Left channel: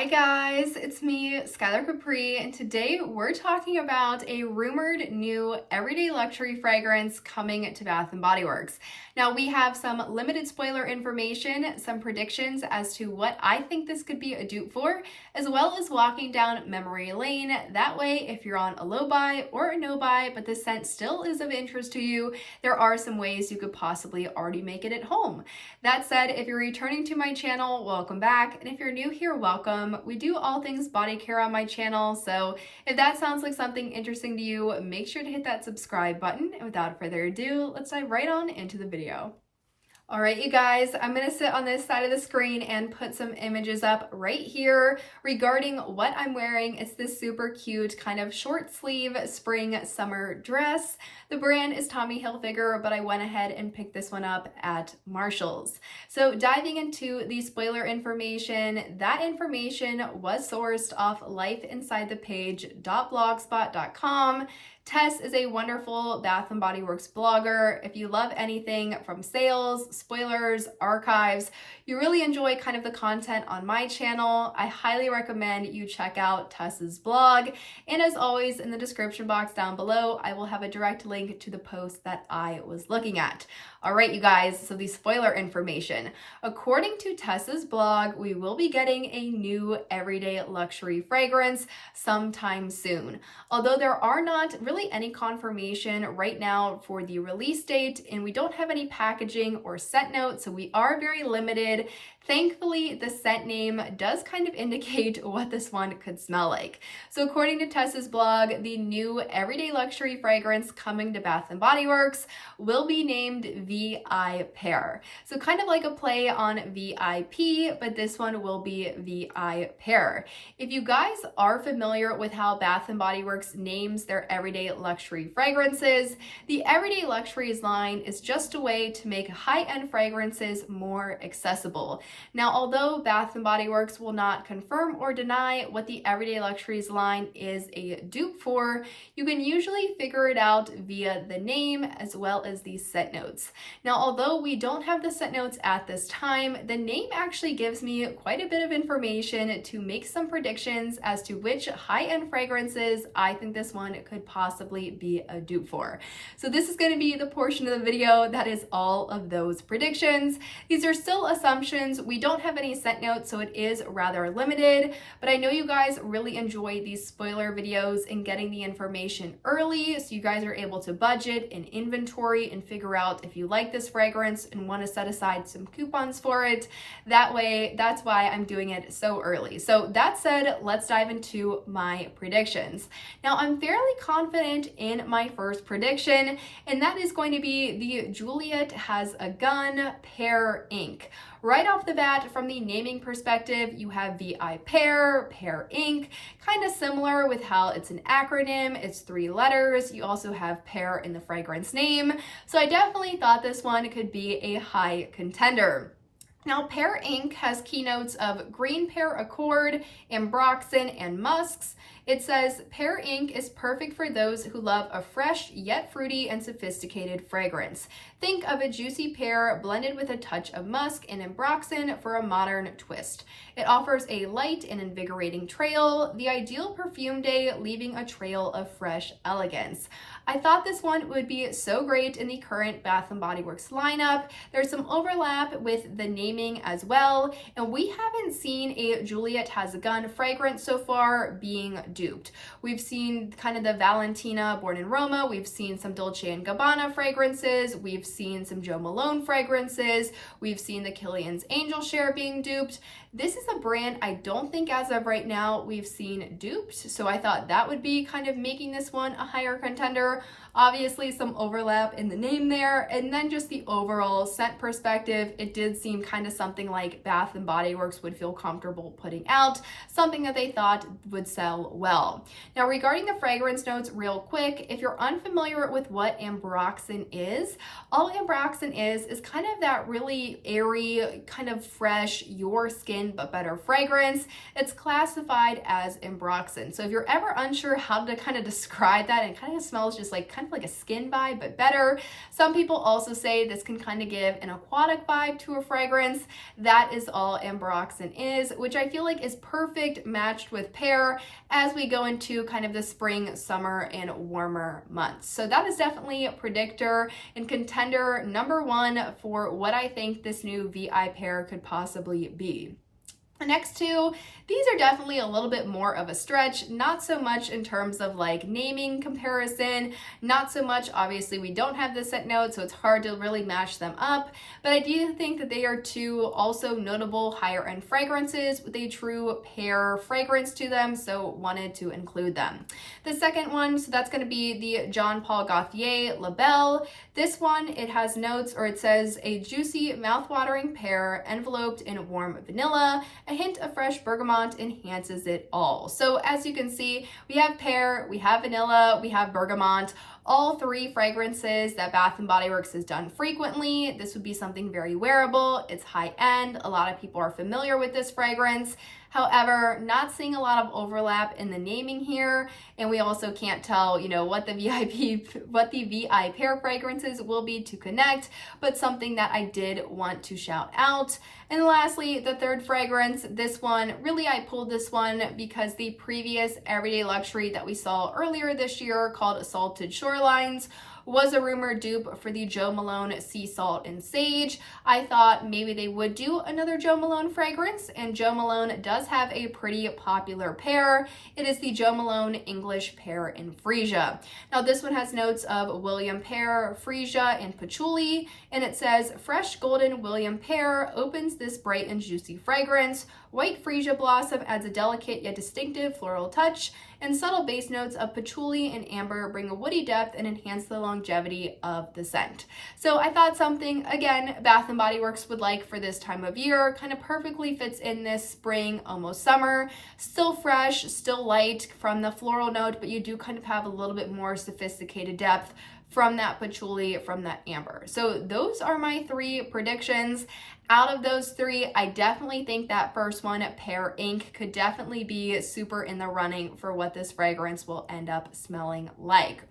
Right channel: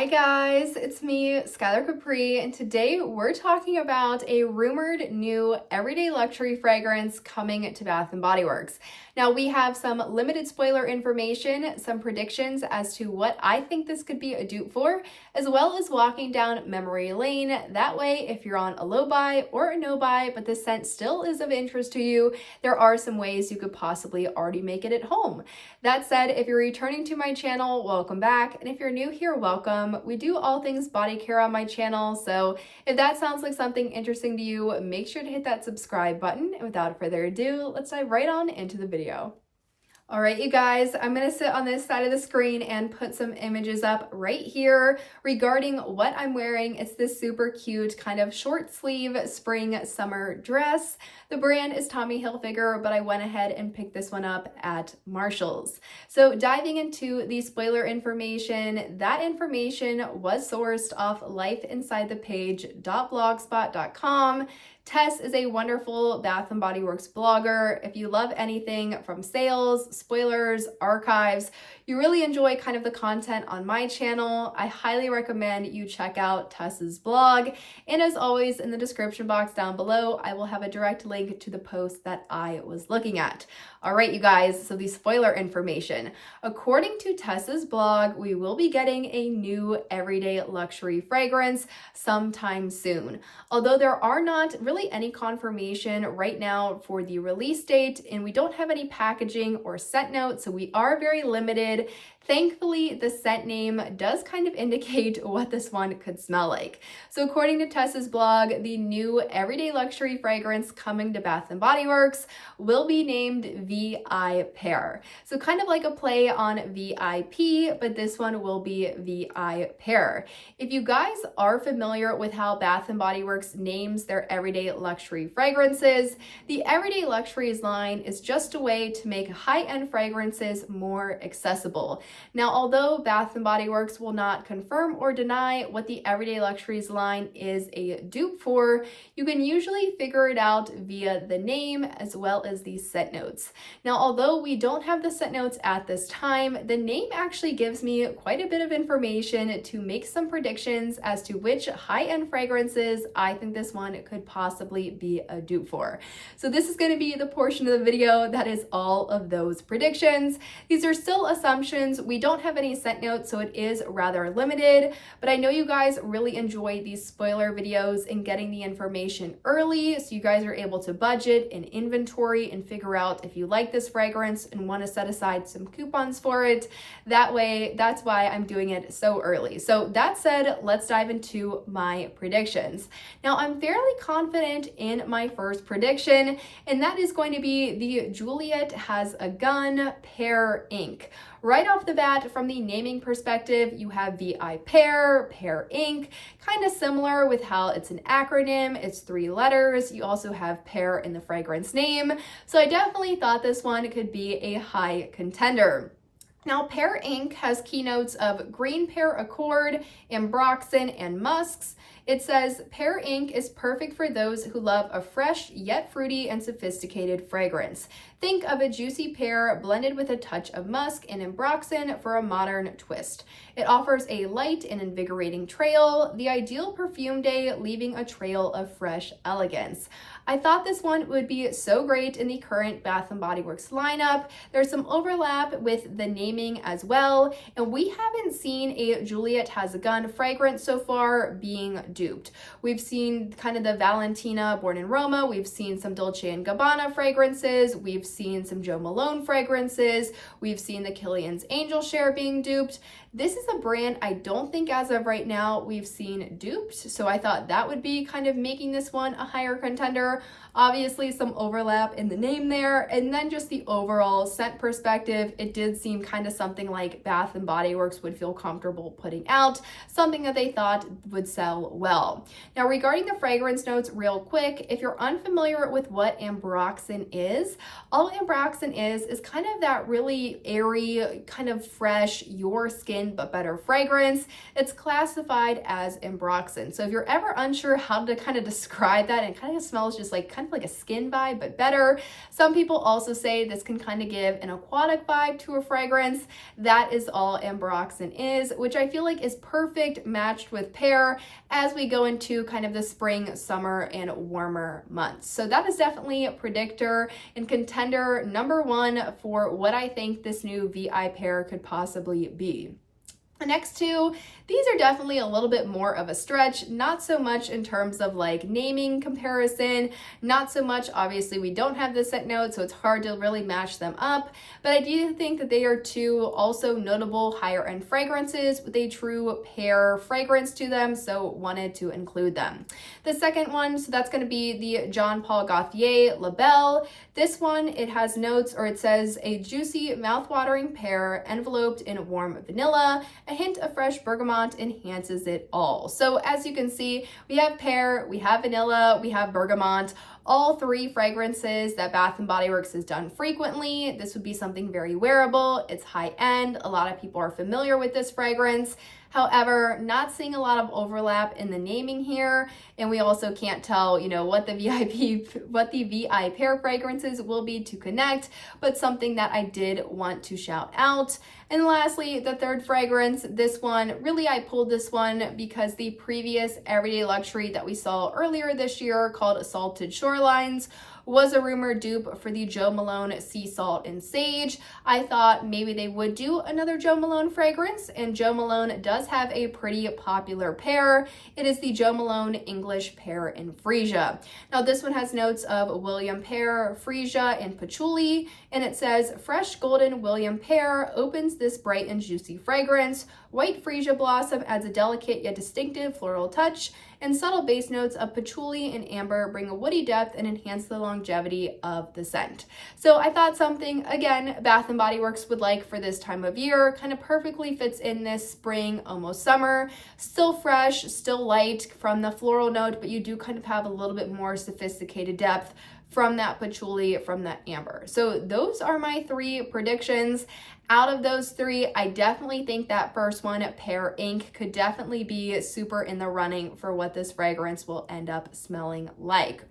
Hi guys, it's me, Skylar Capri, and today we're talking about a rumored new everyday luxury fragrance coming to Bath & Body Works. Now we have some limited spoiler information, some predictions as to what I think this could be a dupe for, as well as walking down memory lane. That way, if you're on a low buy or a no buy, but the scent still is of interest to you, there are some ways you could possibly already make it at home. That said, if you're returning to my channel, welcome back, and if you're new here, welcome. We do all things body care on my channel, so if that sounds like something interesting to you, make sure to hit that subscribe button. And without further ado, let's dive right on into the video. All right, you guys, I'm gonna sit on this side of the screen and put some images up right here regarding what I'm wearing. It's this super cute kind of short sleeve spring summer dress. The brand is Tommy Hilfiger, but I went ahead and picked this one up at Marshall's. So diving into the spoiler information, that information was sourced off lifeinsidethepage.blogspot.com. Tess is a wonderful Bath & Body Works blogger. If you love anything from sales, spoilers, archives, you really enjoy kind of the content on my channel, I highly recommend you check out Tess's blog. And as always, in the description box down below, I will have a direct link to the post that I was looking at. All right, you guys, so the spoiler information. According to Tess's blog, we will be getting a new everyday luxury fragrance sometime soon. Although there are not really any confirmation right now for the release date, and we don't have any packaging or scent notes, so we are very limited. Thankfully, the scent name does kind of indicate what this one could smell like. So according to Tess's blog, the new everyday luxury fragrance coming to Bath & Body Works will be named V.I.Pear. So kind of like a play on V.I.P., but this one will be V.I.Pear. If you guys are familiar with how Bath & Body Works names their everyday luxury fragrances, the everyday luxuries line is just a way to make high-end fragrances more accessible. Now, although Bath & Body Works will not confirm or deny what the Everyday Luxuries line is a dupe for, you can usually figure it out via the name as well as the scent notes. Now, although we don't have the scent notes at this time, the name actually gives me quite a bit of information to make some predictions as to which high-end fragrances I think this one could possibly be a dupe for. So this is going to be the portion of the video that is all of those predictions. These are still assumptions. We don't have any scent notes, so it is rather limited, but I know you guys really enjoy these spoiler videos and getting the information early, so you guys are able to budget and inventory and figure out if you like this fragrance and want to set aside some coupons for it. That way, that's why I'm doing it so early. So that said, let's dive into my predictions. Now, I'm fairly confident in my first prediction, and that is going to be the Juliet Has a Gun Pear Inc. Right off the bat, from the naming perspective, you have V.I.Pear, Pear Inc., kind of similar with how it's an acronym, it's 3 letters. You also have pear in the fragrance name. So I definitely thought this one could be a high contender. Now, Pear Inc. has keynotes of green pear accord, ambroxan, and musks. It says, Pear Inc. is perfect for those who love a fresh yet fruity and sophisticated fragrance. Think of a juicy pear blended with a touch of musk and ambroxan for a modern twist. It offers a light and invigorating trail, the ideal perfume day, leaving a trail of fresh elegance. I thought this one would be so great in the current Bath & Body Works lineup. There's some overlap with the naming as well, and we haven't seen a Juliet Has a Gun fragrance so far being duped. We've seen kind of the Valentina Born in Roma, we've seen some Dolce & Gabbana fragrances, we've seen some Joe Malone fragrances, we've seen the Kilian's Angel Share being duped. This is a brand I don't think as of right now we've seen duped, so I thought that would be kind of making this one a higher contender. Obviously some overlap in the name there, and then just the overall scent perspective, it did seem kind of something like Bath & Body Works would feel comfortable putting out, something that they thought would sell well. Now, regarding the fragrance notes real quick, if you're unfamiliar with what ambroxan is, all ambroxan is kind of that really airy, kind of fresh, your skin but better fragrance. It's classified as ambroxan. So if you're ever unsure how to kind of describe that, it kind of smells just like kind of like a skin vibe but better. Some people also say this can kind of give an aquatic vibe to a fragrance. That is all ambroxan is, which I feel like is perfect matched with pear as we go into kind of the spring, summer, and warmer months. So that is definitely a predictor and contender number one for what I think this new V.I.Pear could possibly be. The next two, these are definitely a little bit more of a stretch, not so much in terms of like naming comparison, not so much, obviously we don't have the scent note, so it's hard to really match them up, but I do think that they are two also notable higher end fragrances with a true pear fragrance to them, so wanted to include them. The second one, so that's going to be the Jean Paul Gaultier La Belle. This one, it has notes, or it says a juicy, mouth-watering pear enveloped in warm vanilla. A hint of fresh bergamot enhances it all. So as you can see, we have pear, we have vanilla, we have bergamot, all three fragrances that Bath & Body Works has done frequently. This would be something very wearable. It's high end. A lot of people are familiar with this fragrance. However, not seeing a lot of overlap in the naming here, and we also can't tell, what the V.I.Pear fragrances will be to connect, but something that I did want to shout out. And lastly, the third fragrance, this one, really I pulled this one because the previous everyday luxury that we saw earlier this year called Salted Shorelines was a rumored dupe for the Jo Malone Sea Salt and Sage. I thought maybe they would do another Jo Malone fragrance, and Jo Malone does have a pretty popular pear. It is the Jo Malone English Pear and Freesia. Now this one has notes of William Pear, Freesia, and patchouli, and it says fresh golden William Pear opens this bright and juicy fragrance. White Freesia blossom adds a delicate yet distinctive floral touch, and subtle base notes of patchouli and amber bring a woody depth and enhance the longevity of the scent. So I thought something, again, Bath & Body Works would like for this time of year, kind of perfectly fits in this spring, almost summer, still fresh, still light from the floral note, but you do kind of have a little bit more sophisticated depth from that patchouli, from that amber. So those are my three predictions. Out of those three, I definitely think that first one, Pear Ink, could definitely be super in the running for what this fragrance will end up smelling like.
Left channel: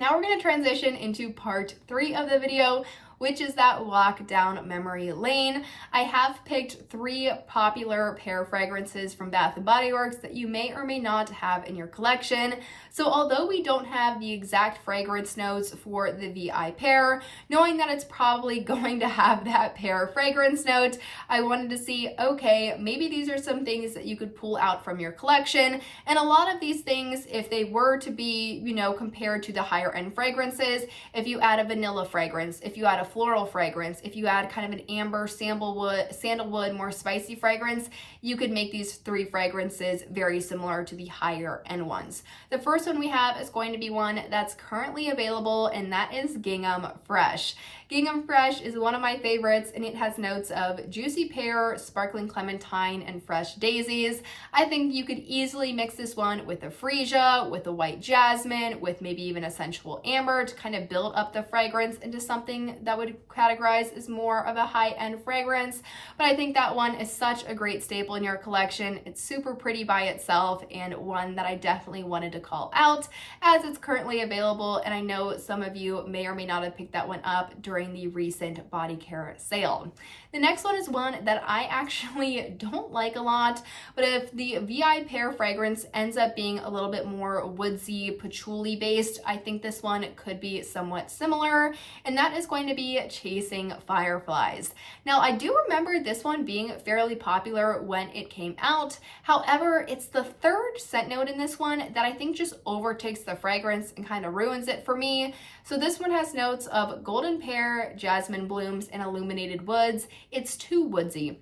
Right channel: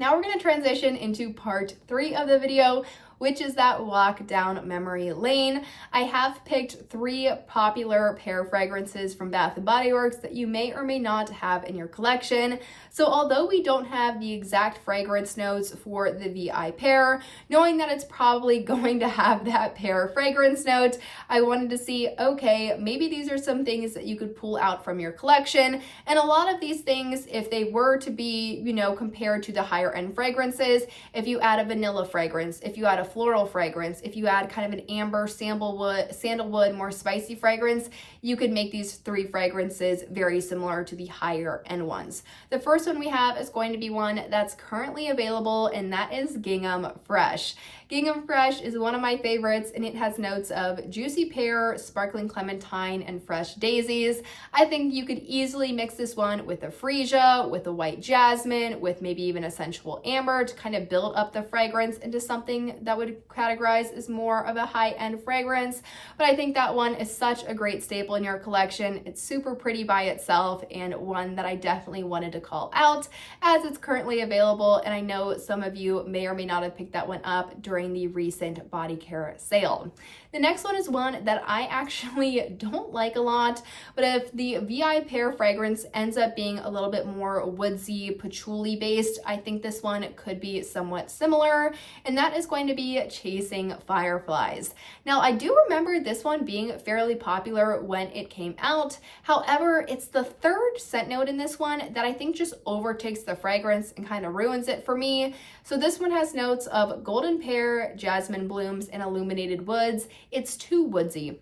Now we're going to transition into part 3 of the video, which is that walk down memory lane. I have picked 3 popular pear fragrances from Bath & Body Works that you may or may not have in your collection. So although we don't have the exact fragrance notes for the V.I.Pear, knowing that it's probably going to have that pear fragrance note, I wanted to see, okay, maybe these are some things that you could pull out from your collection. And a lot of these things, if they were to be, compared to the higher end fragrances, if you add a vanilla fragrance, if you add a floral fragrance, if you add kind of an amber sandalwood, more spicy fragrance, you could make these 3 fragrances very similar to the higher end ones. The first one we have is going to be one that's currently available, and that is Gingham Fresh. Gingham Fresh is one of my favorites, and it has notes of juicy pear, sparkling clementine, and fresh daisies. I think you could easily mix this one with a freesia, with a white jasmine, with maybe even a sensual amber to kind of build up the fragrance into something that would categorize as more of a high-end fragrance. But I think that one is such a great staple in your collection. It's super pretty by itself, and one that I definitely wanted to call out as it's currently available, and I know some of you may or may not have picked that one up during the recent body care sale. The next one is one that I actually don't like a lot, but if the V.I.Pear fragrance ends up being a little bit more woodsy, patchouli based, I think this one could be somewhat similar, and that is going to be Chasing Fireflies. Now, I do remember this one being fairly popular when it came out. However, it's the third scent note in this one that I think just overtakes the fragrance and kind of ruins it for me. So this one has notes of golden pear, jasmine blooms, and illuminated woods. It's too woodsy.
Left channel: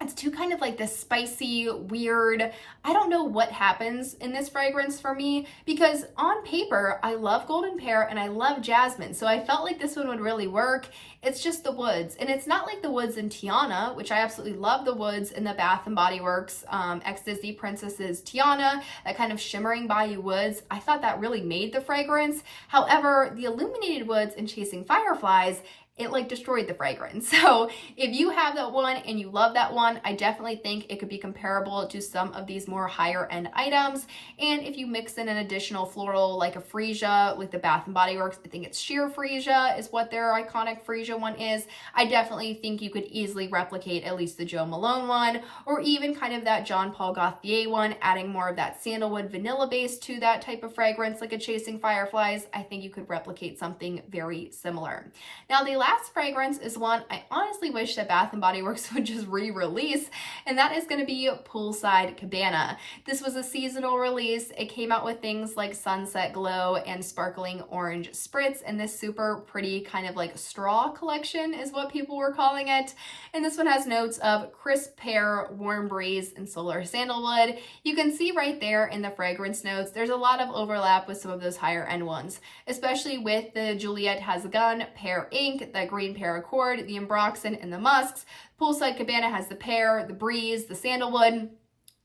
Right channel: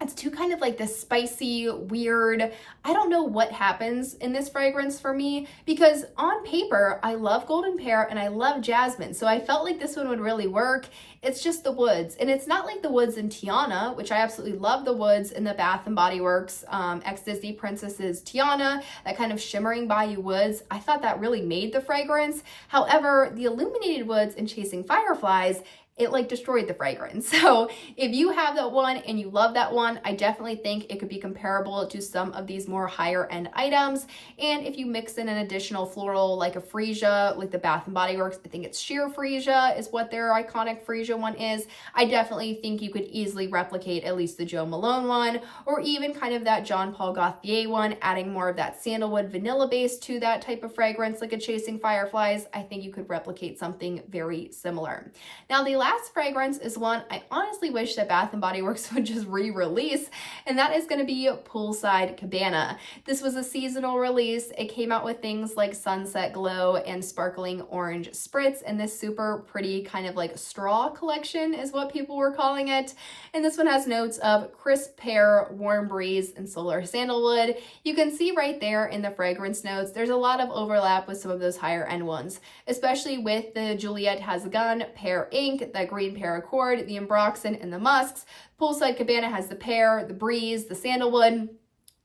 It's too kind of like this spicy, weird, I don't know what happens in this fragrance for me, because on paper, I love golden pear and I love jasmine. So I felt like this one would really work. It's just the woods, and it's not like the woods in Tiana, which I absolutely love the woods in the Bath and Body Works ex-Disney Princess's Tiana, that kind of shimmering bayou woods. I thought that really made the fragrance. However, the illuminated woods in Chasing Fireflies, it like destroyed the fragrance. So if you have that one and you love that one, I definitely think it could be comparable to some of these more higher end items. And if you mix in an additional floral like a freesia, like the Bath and Body Works, I think it's sheer freesia is what their iconic freesia one is. I definitely think you could easily replicate at least the Jo Malone one, or even kind of that Jean Paul Gaultier one, adding more of that sandalwood vanilla base to that type of fragrance like a Chasing Fireflies. I think you could replicate something very similar. Now, the last fragrance is one I honestly wish that Bath & Body Works would just re-release, and that is going to be Poolside Cabana. This was a seasonal release. It came out with things like Sunset Glow and Sparkling Orange Spritz, and this super pretty kind of like straw collection is what people were calling it. And this one has notes of crisp pear, warm breeze, and solar sandalwood. You can see right there in the fragrance notes, there's a lot of overlap with some of those higher end ones, especially with the Juliet Has a Gun, Pear Ink, the Green Paracord, the Ambroxan, and the Musks. Poolside Cabana has the pear, the breeze, the sandalwood.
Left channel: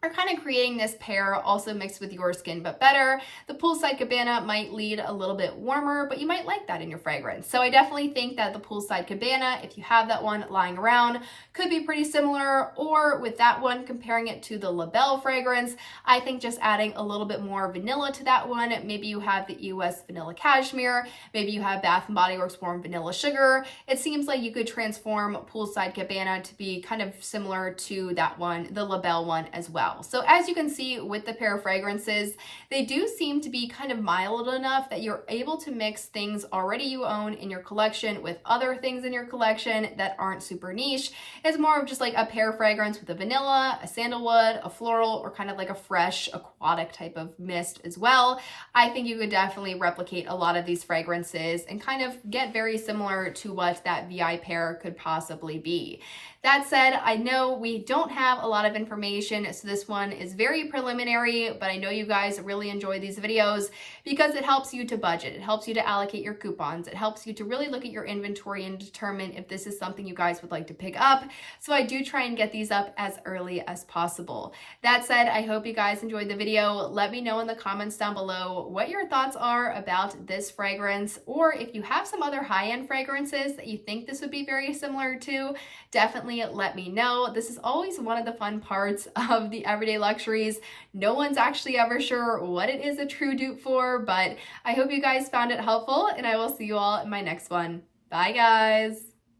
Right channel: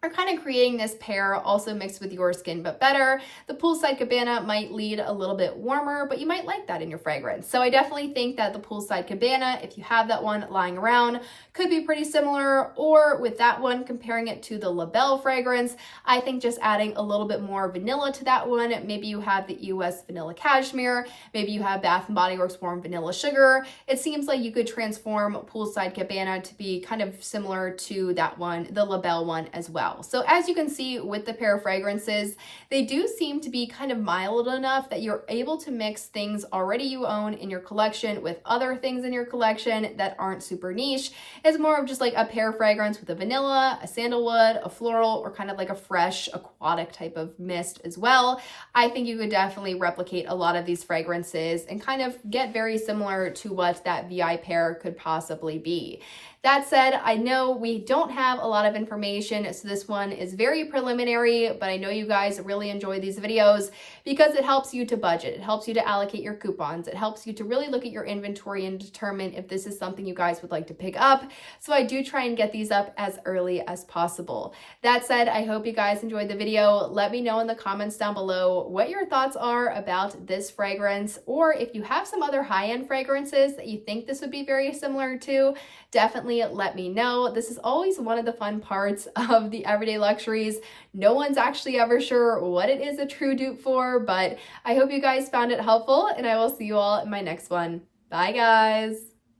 Are kind of creating this pear also mixed with your skin, but better. The Poolside Cabana might lead a little bit warmer, but you might like that in your fragrance. So I definitely think that the Poolside Cabana, if you have that one lying around, could be pretty similar. Or with that one, comparing it to the La Belle fragrance, I think just adding a little bit more vanilla to that one. Maybe you have the US Vanilla Cashmere, maybe you have Bath & Body Works Warm Vanilla Sugar. It seems like you could transform Poolside Cabana to be kind of similar to that one, the La Belle one as well. So as you can see with the pair of fragrances, they do seem to be kind of mild enough that you're able to mix things already you own in your collection with other things in your collection that aren't super niche. It's more of just like a pear fragrance with a vanilla, a sandalwood, a floral, or kind of like a fresh aquatic type of mist as well. I think you could definitely replicate a lot of these fragrances and kind of get very similar to what that V.I.Pear could possibly be. That said, I know we don't have a lot of information, so this one is very preliminary, but I know you guys really enjoy these videos because it helps you to budget. It helps you to allocate your coupons. It helps you to really look at your inventory and determine if this is something you guys would like to pick up. So I do try and get these up as early as possible. That said, I hope you guys enjoyed the video. Let me know in the comments down below what your thoughts are about this fragrance, or if you have some other high-end fragrances that you think this would be very similar to, definitely let me know. This is always one of the fun parts of the Everyday Luxuries. No one's actually ever sure what it is a true dupe for, but I hope you guys found it helpful, and I will see you all in my next one. Bye, guys.